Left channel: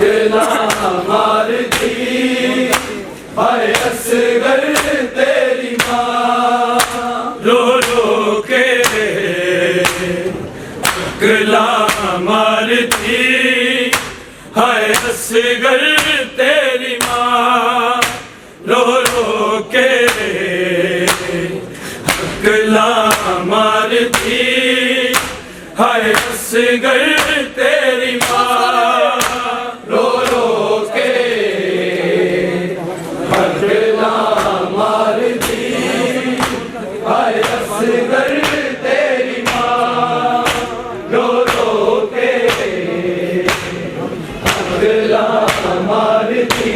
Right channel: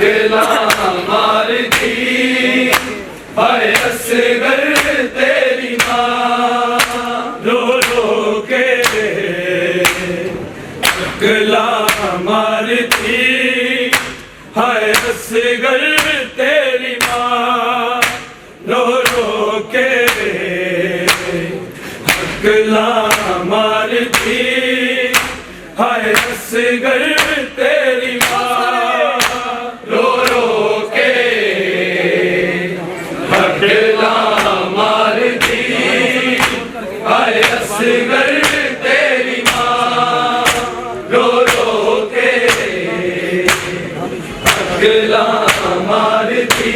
अकेला मारती हाय असगर तेरी माँ रो रो के अकेला मारती हाय असगर तेरी माँ रो रो के अकेला मारती हाय असगर तेरी माँ रो रो के अकेला मारती हाय असगर तेरी माँ रो रो के अकेला मारती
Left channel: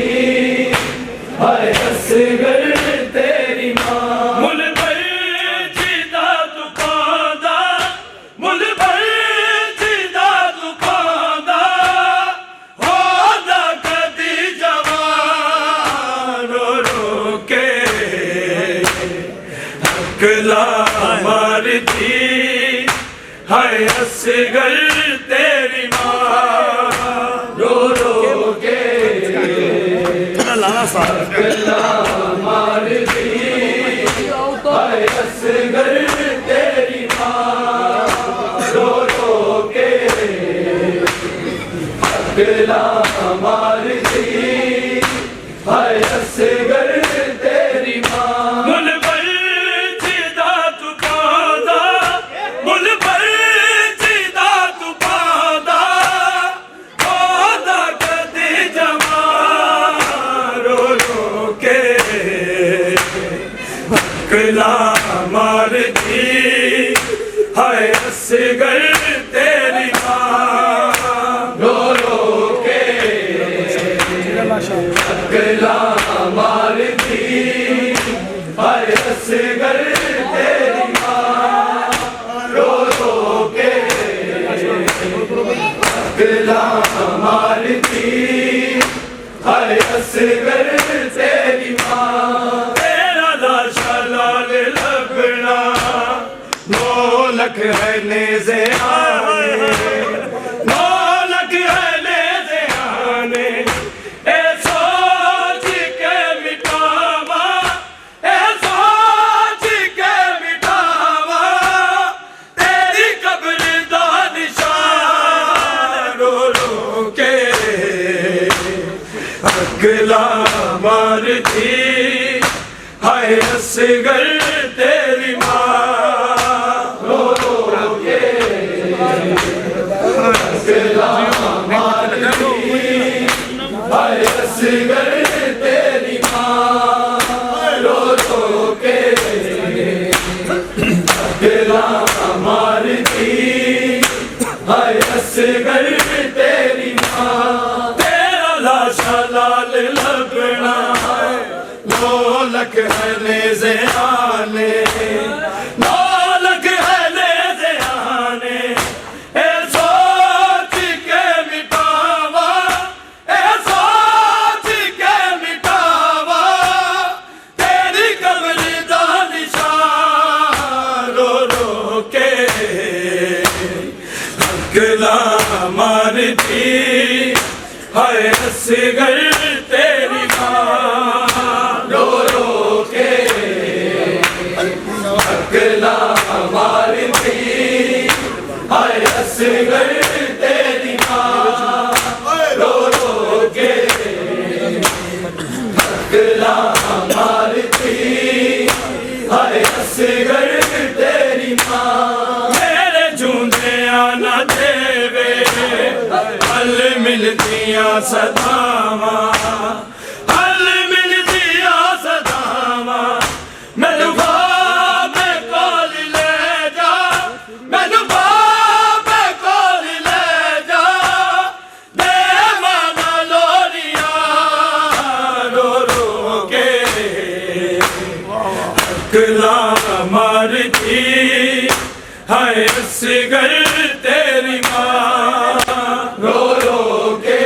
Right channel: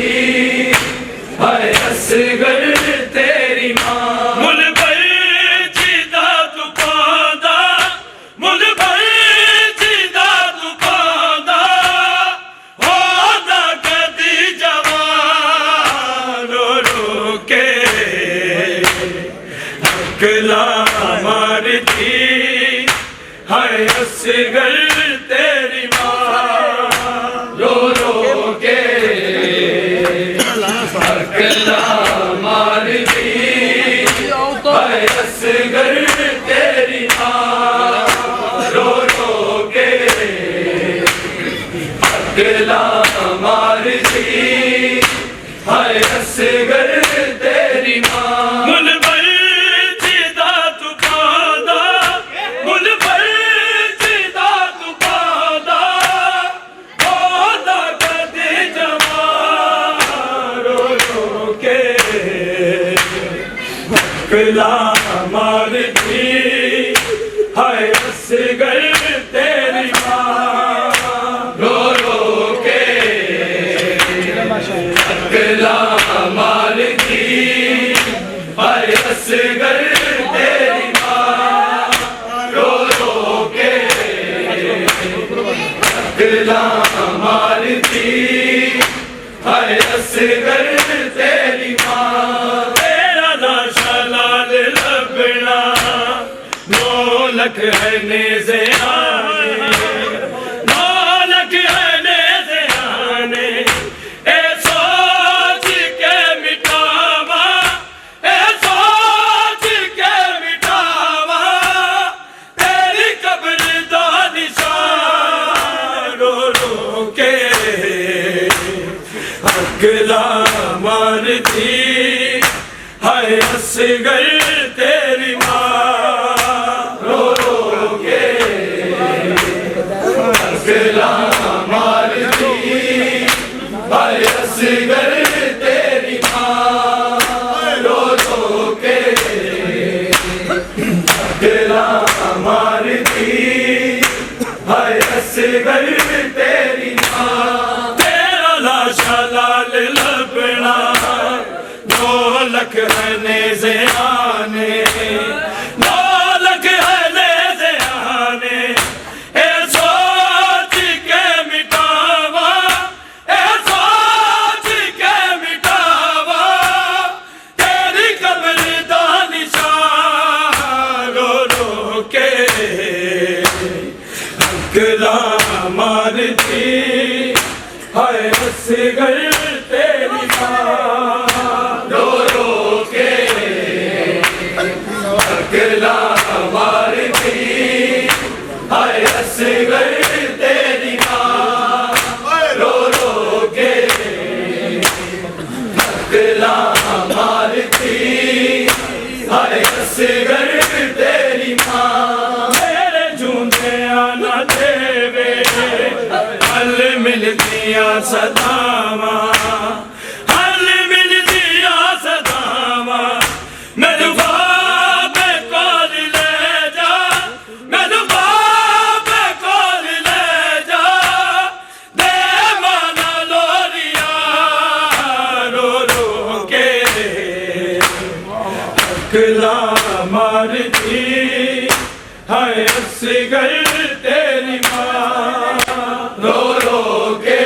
हाय असगर तेरी माँ मुल भर जिदा तू पादा मुल भर जिदा तू पादा होदा कदी जवान रो रो के अकेला मारती हाय असगर तेरी माँ रो रो के अकेला मारती हाय असगर तेरी माँ रो रो के अकेला मारती हाय असगर तेरी माँ मुल भर जिदा तू पादा मुल भर जिदा तू पादा होदा कदी जवान रो रो के अकेला मारती हाय असगर तेरी माँ रो रो के अकेला मारती हाय असगर तेरी माँ रो रो के अकेला मारती हाय असगर तेरी माँ तेरा लाशा लाल लगना नौलख है नेज़े आने नौलख है नेज़े आने ए सोच के मिटावा ए सोच के मिटावा तेरी कब्र दा निशान रो रो के अकेला मारती हाय असगर तेरी माँ रो रो के अकेला मारती हाय असगर तेरी माँ रो रो के अकेला मारती हाय असगर तेरी माँ तेरा लाशा लाल लगना नौलख है नेज़े आने नौलख है नेज़े आने ए सोच के मिटावा ए सोच के मिटावा तेरी कब्र दा निशान रो रो के अकेला मारती हाय असगर तेरी माँ रो रो के अकेला मारती हाय असगर तेरी माँ रो रो के अकेला मारती हाय असगर तेरी माँ मेरे झूठे आना देवे हल मिलदियां सदावा हल मिलदियां सदावा मैनू बाबे कोल ले जा मैनू बाबे कोल ले जा दे माना लोरियां रो रो के अकेला मारती हाय असगर तेरी माँ रो रो के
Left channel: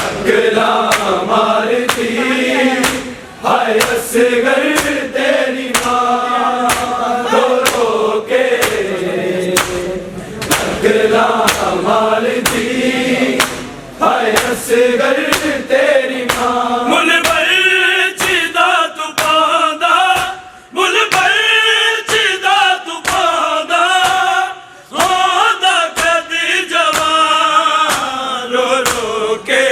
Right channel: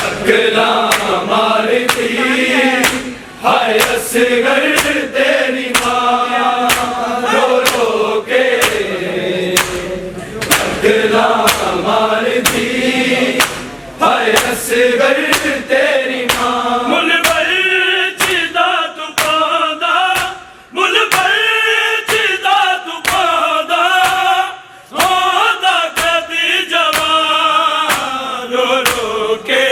अकेला मारती हाय असगर तेरी माँ रो रो के अकेला मारती हाय असगर तेरी मां मुल भर चिदा तू पांदा मुल भर चिदा तू पांदा होदा कदी जवान रो रो के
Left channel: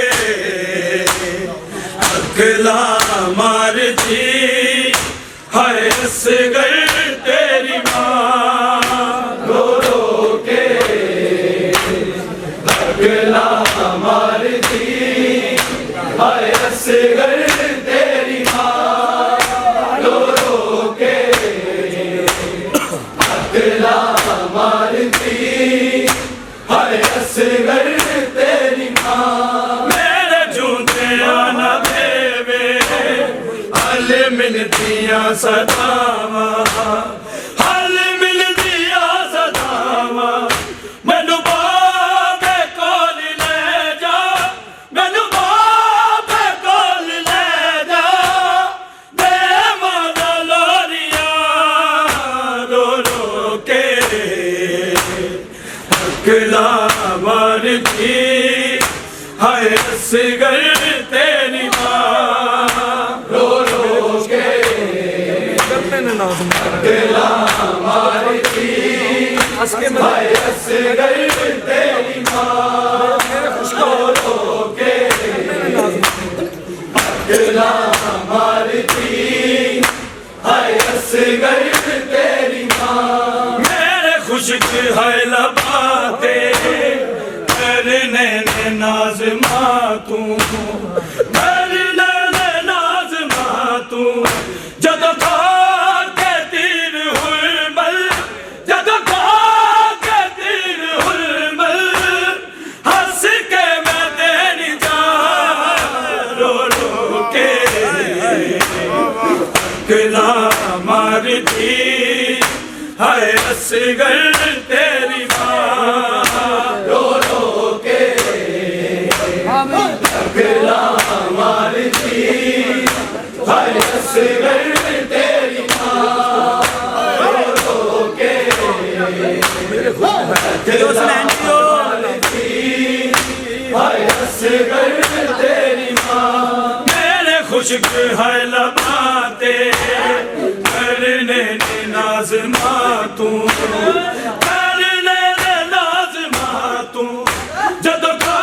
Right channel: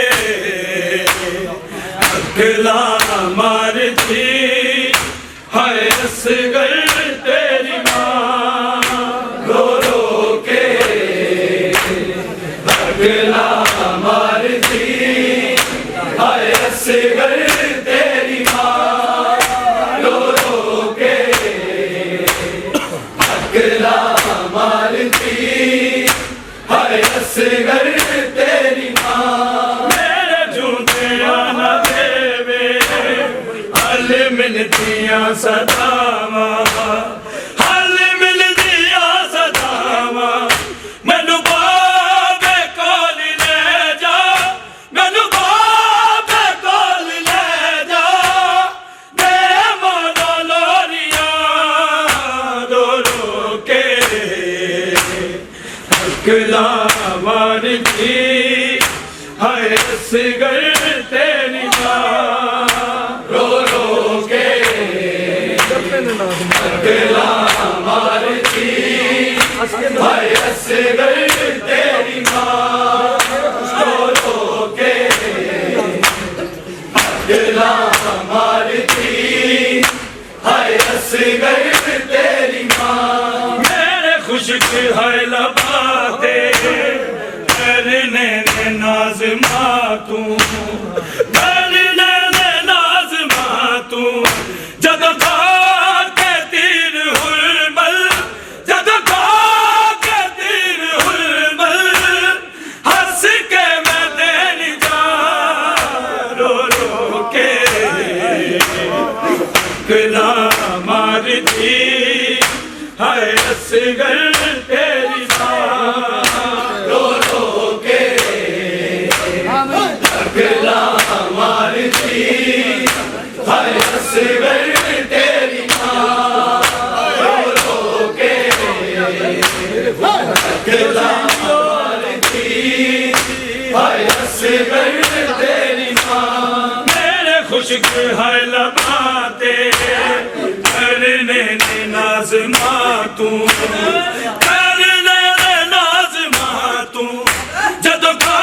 अखला मारती हाय असगर तेरी मां रो रो के अखला मारती हाय असगर तेरी मां रो रो के अखला मारती हाय असगर तेरी मां मेरे झूठे आना देवे हल मिलतियां सदावा हल मिलतियां सदावा मैनू बाबे कोल ले जा मैनू बाबे कोल ले जा दे मोला लोरियां रो रो के अकला मारती हाय असगर तेरी मां रो रो के अकला मारती हाय असगर तेरी मां रो रो के अकला मारती हाय असगर तेरी मां मेरे खुशक है लबाते करने ने नाज मातू करने ने नाज मातू जद खा के तीर हुलमल जद खा के तीर हुलमल हंस के मैं तेरी जा रो रो के अकला मारती हाय असगर तेरी मां रो रो के अकला मारती हाय असगर तेरी मां रो रो के अकला मारती हाय असगर तेरी मां मेरे खुशक है लबाते करने ने नाज मातू करने ने नाज मातू जद खा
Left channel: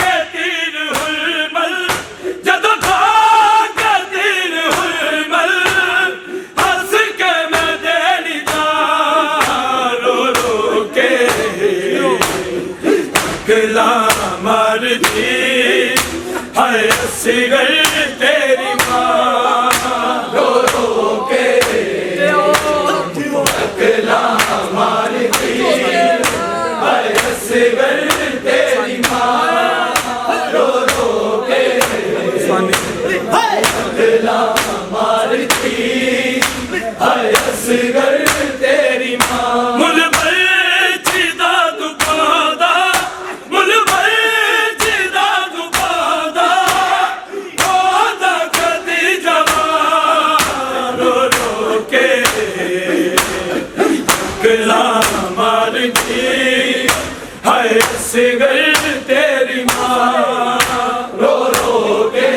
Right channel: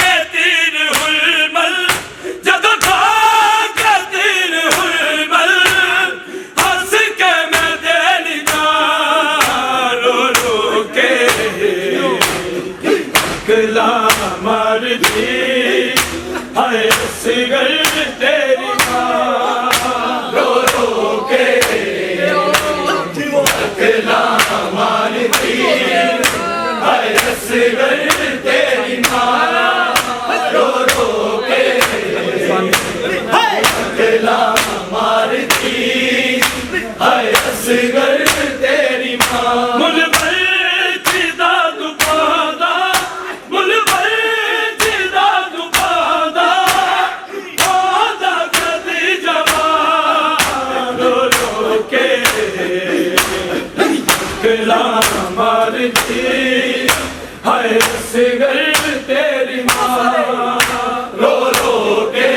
के तीर हुलमल जद खा के तीर हुलमल हंस के मैं देनी जा रो रो के अकला मारती हाय असगर तेरी मां रो रो के अकला मारती हाय असगर तेरी मां रो रो के अकला मारती हाय असगर तेरी मां मुल भर चिदा तू पांदा मुल भर चिदा तू पांदा होदा कदी जवान रो रो के अकला मारती हाय असगर तेरी मां रो रो के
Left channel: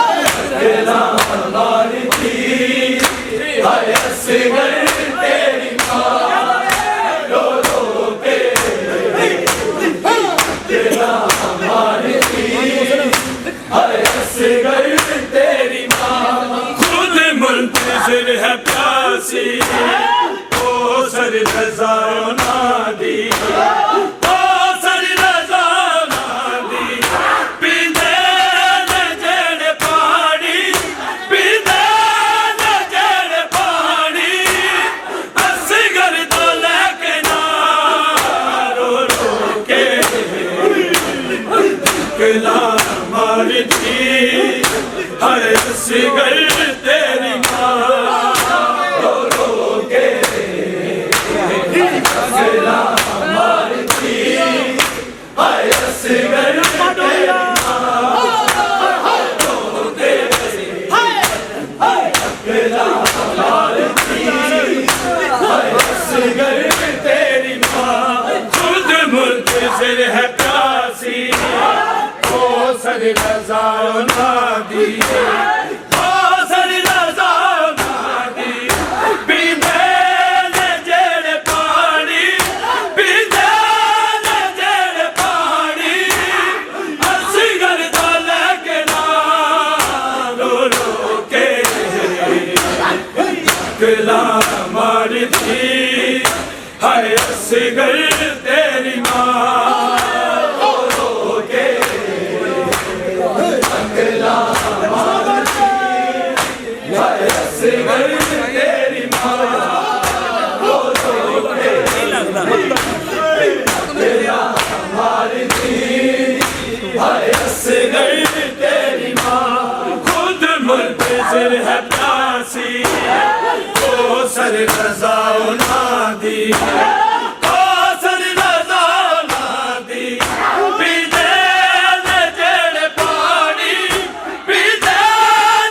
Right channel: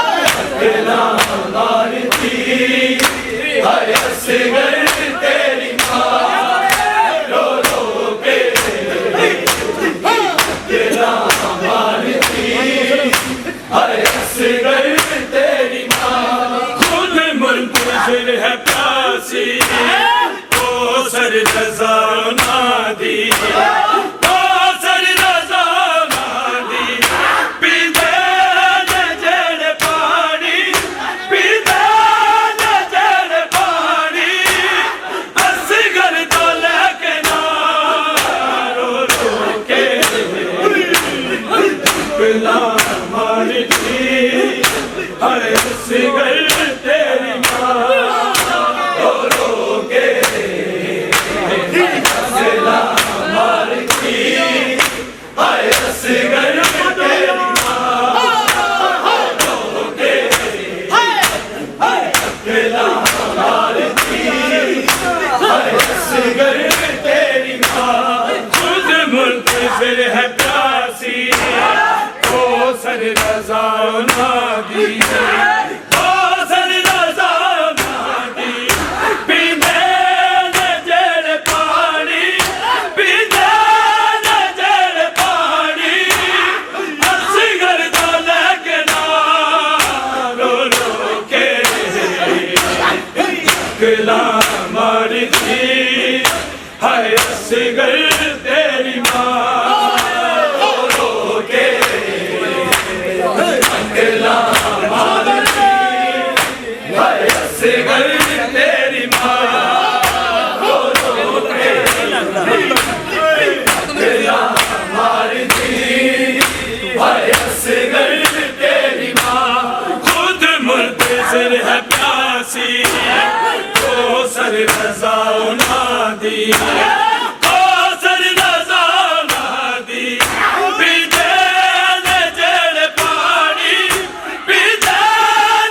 अकला मारती हाय असगर तेरी मां रो रो के अकला मारती हाय असगर तेरी मां खुद मुंतज़िर है प्यासी ओ सर रज़ा नादी ओ सर रज़ा नादी पीते न जड़ पानी पीते न जड़ पानी असगर तो लेके ना रो रो के अकला मारती हाय असगर तेरी मां रो रो के अकला मारती हाय असगर तेरी मां रो रो के अकला मारती हाय असगर तेरी मां खुद मुंतज़िर है प्यासी कौसर रज़ा नादी कौसर रज़ा नादी पींदे ने जेड़े पानी पींदे ने जेड़े पानी असगर दा लगना रो रो के गला मारती हाय असगर तेरी माँ तेरी माँ रो रो के तेरा मारती हाय असगर तेरी माँ खुद मुंतज़िर है प्यासी कौसर रज़ा नादी कौसर रज़ा नादी पीते ने जेड़े पानी पीते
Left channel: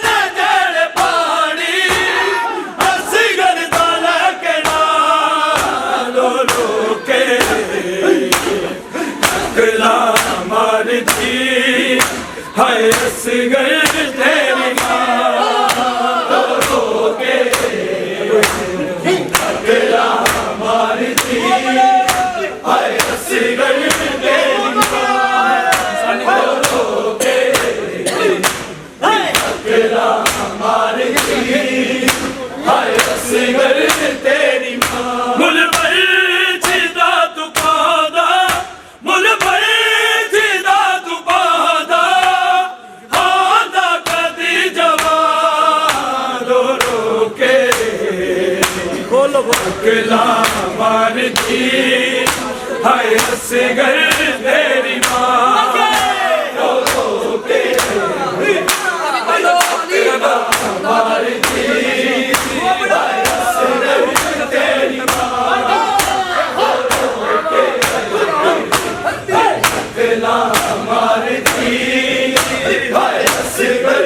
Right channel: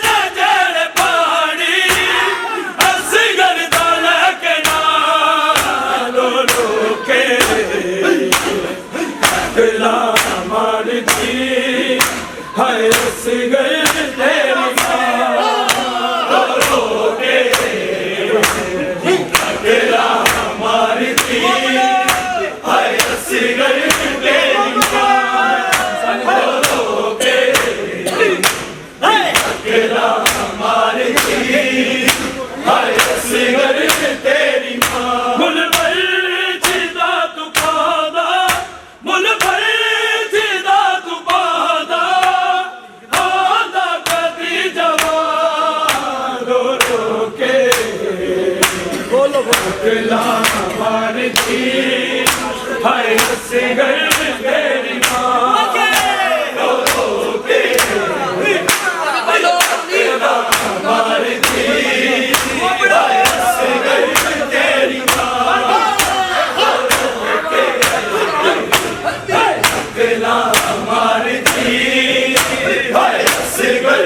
ने जेड़े पानी असगर दा लगना रो रो के गला मारती हाय असगर तेरी माँ रो रो के गला मारती हाय असगर तेरी माँ रो रो के गला मारती हाय असगर तेरी माँ मुल भर जिदा तू पादा मुल भर जिदा तू पादा होंदा कदी जवान रो रो के गला मारती हाय असगर तेरी माँ रो रो के गला मारती हाय असगर तेरी माँ रो रो के गला मारती हाय असगर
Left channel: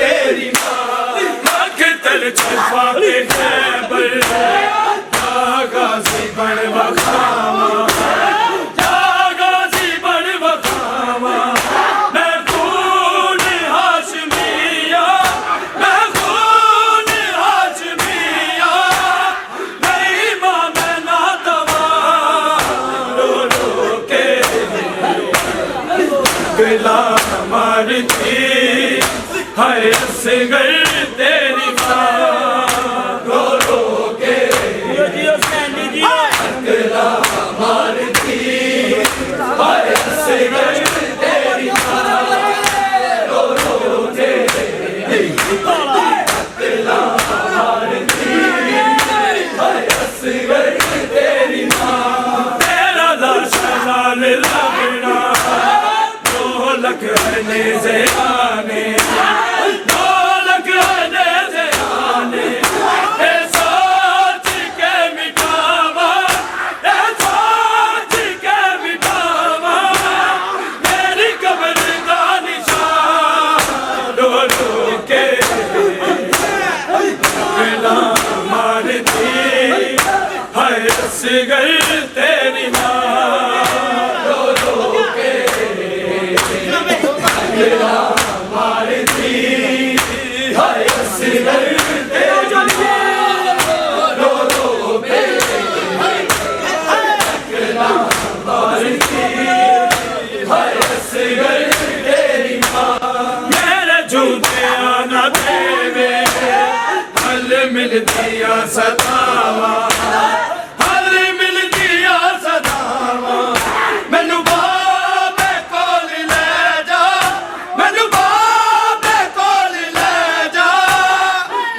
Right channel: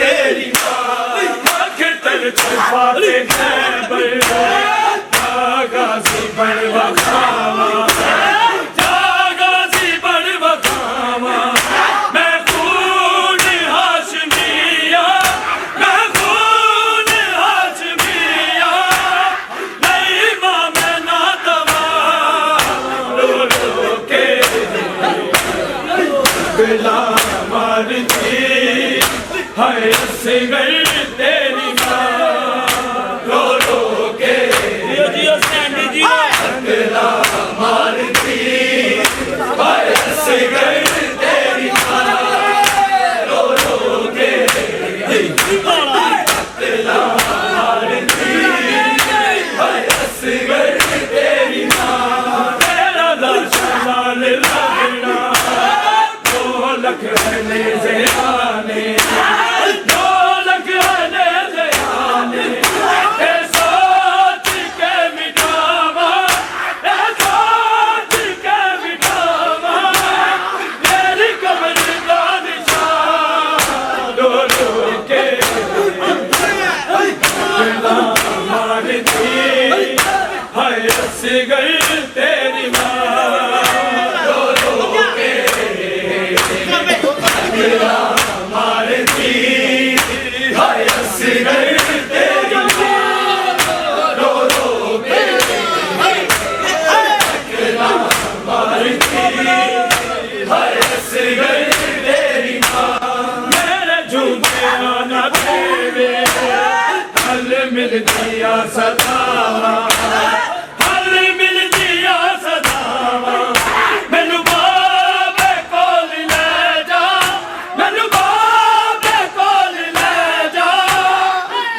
तेरी माँ मकतल छुपा के खैबर गाज़ी बन बखावा गाज़ी बन बखावा मैं खून हाशमिया मैं खून हाशमिया नहीं माँ मैं ना दवा रो रो के गला मारती हाय असगर तेरी माँ रो रो के गला मारती हाय असगर तेरी माँ रो रो के गला मारती हाय असगर तेरी माँ तेरा दर्शन लगना ढोलक है नेज़े आने ढोलक है नेज़े आने ए सोच के मिटावा ए सोच के मिटावा मेरी कब्र दा निशान रो रो के गला मारती हाय असगर तेरी माँ रो रो के गला मारती हाय असगर तेरी माँ रो रो के गला मारती हाय असगर तेरी माँ मेरे झूठे आना तेरे हल मिल दिया सदावा हल मिल दिया सदावा मैनू बाबे कोल ले जा मैनू बाबे कोल ले जा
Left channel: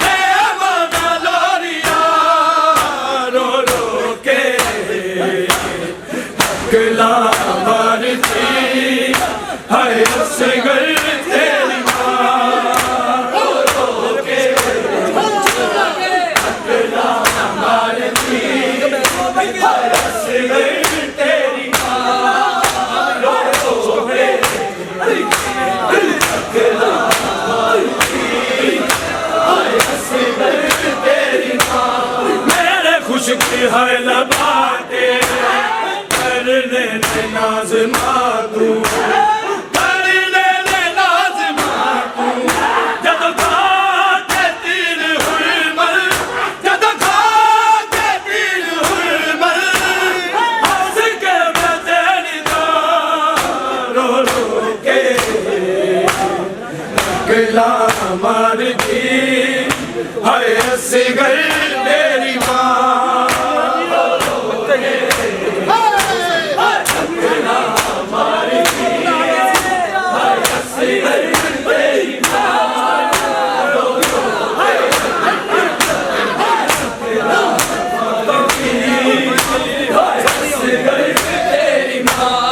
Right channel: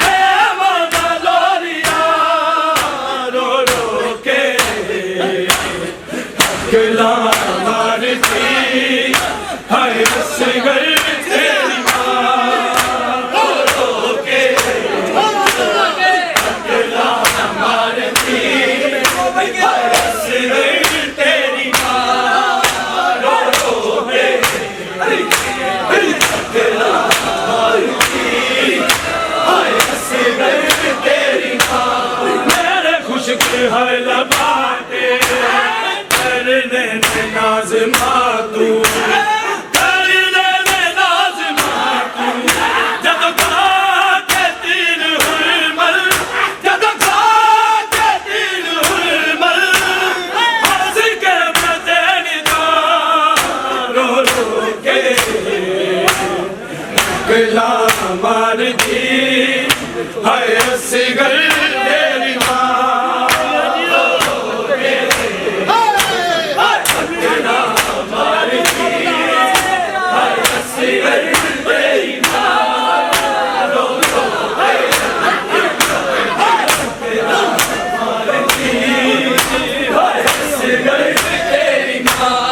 मैं माना लोरिया रो रो के गला मारती हाय असगर तेरी माँ रो रो के गला मारती हाय असगर तेरी माँ रो रो के गला मारती हाय असगर तेरी माँ मेरे खुशक है लबाते करने नाज़ मातू करने अकला मारती है असगर तेरी माँ अकला मारती है असगर तेरी माँ रो रो अकला मारती है असगर तेरी माँ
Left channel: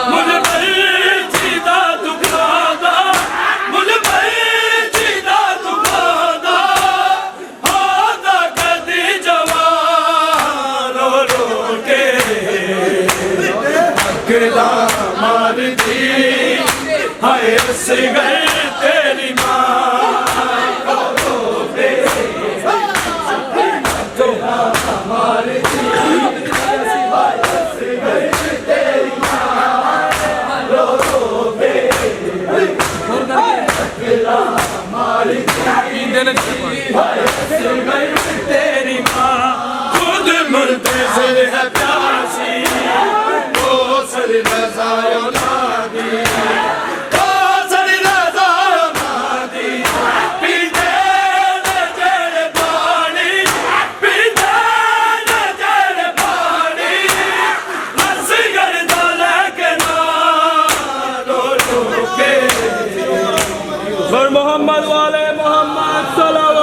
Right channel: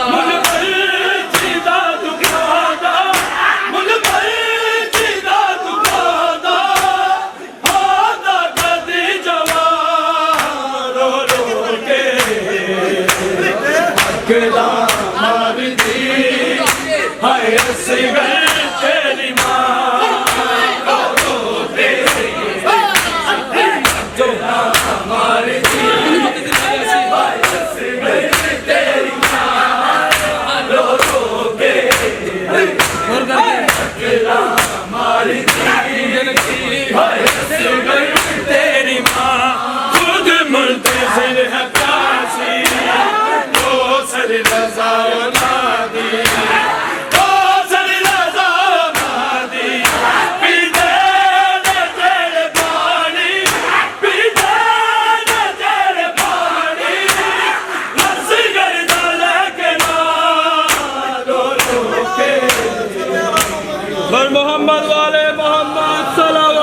अकला मारती हाय असगर तेरी माँ रो रो तेरी अकला मारती हाय असगर तेरी माँ रो रो तेरी अकला मारती हाय असगर तेरी माँ खुद मुंतज़िर है काशी सर रज़ाओ नादी ओ सर रज़ाओ नादी पीते नजर पानी पीते नजर पानी असगर डाले के नालो रोके पर मोहम्मद वाले मोहम्मद सल्लल्लाहु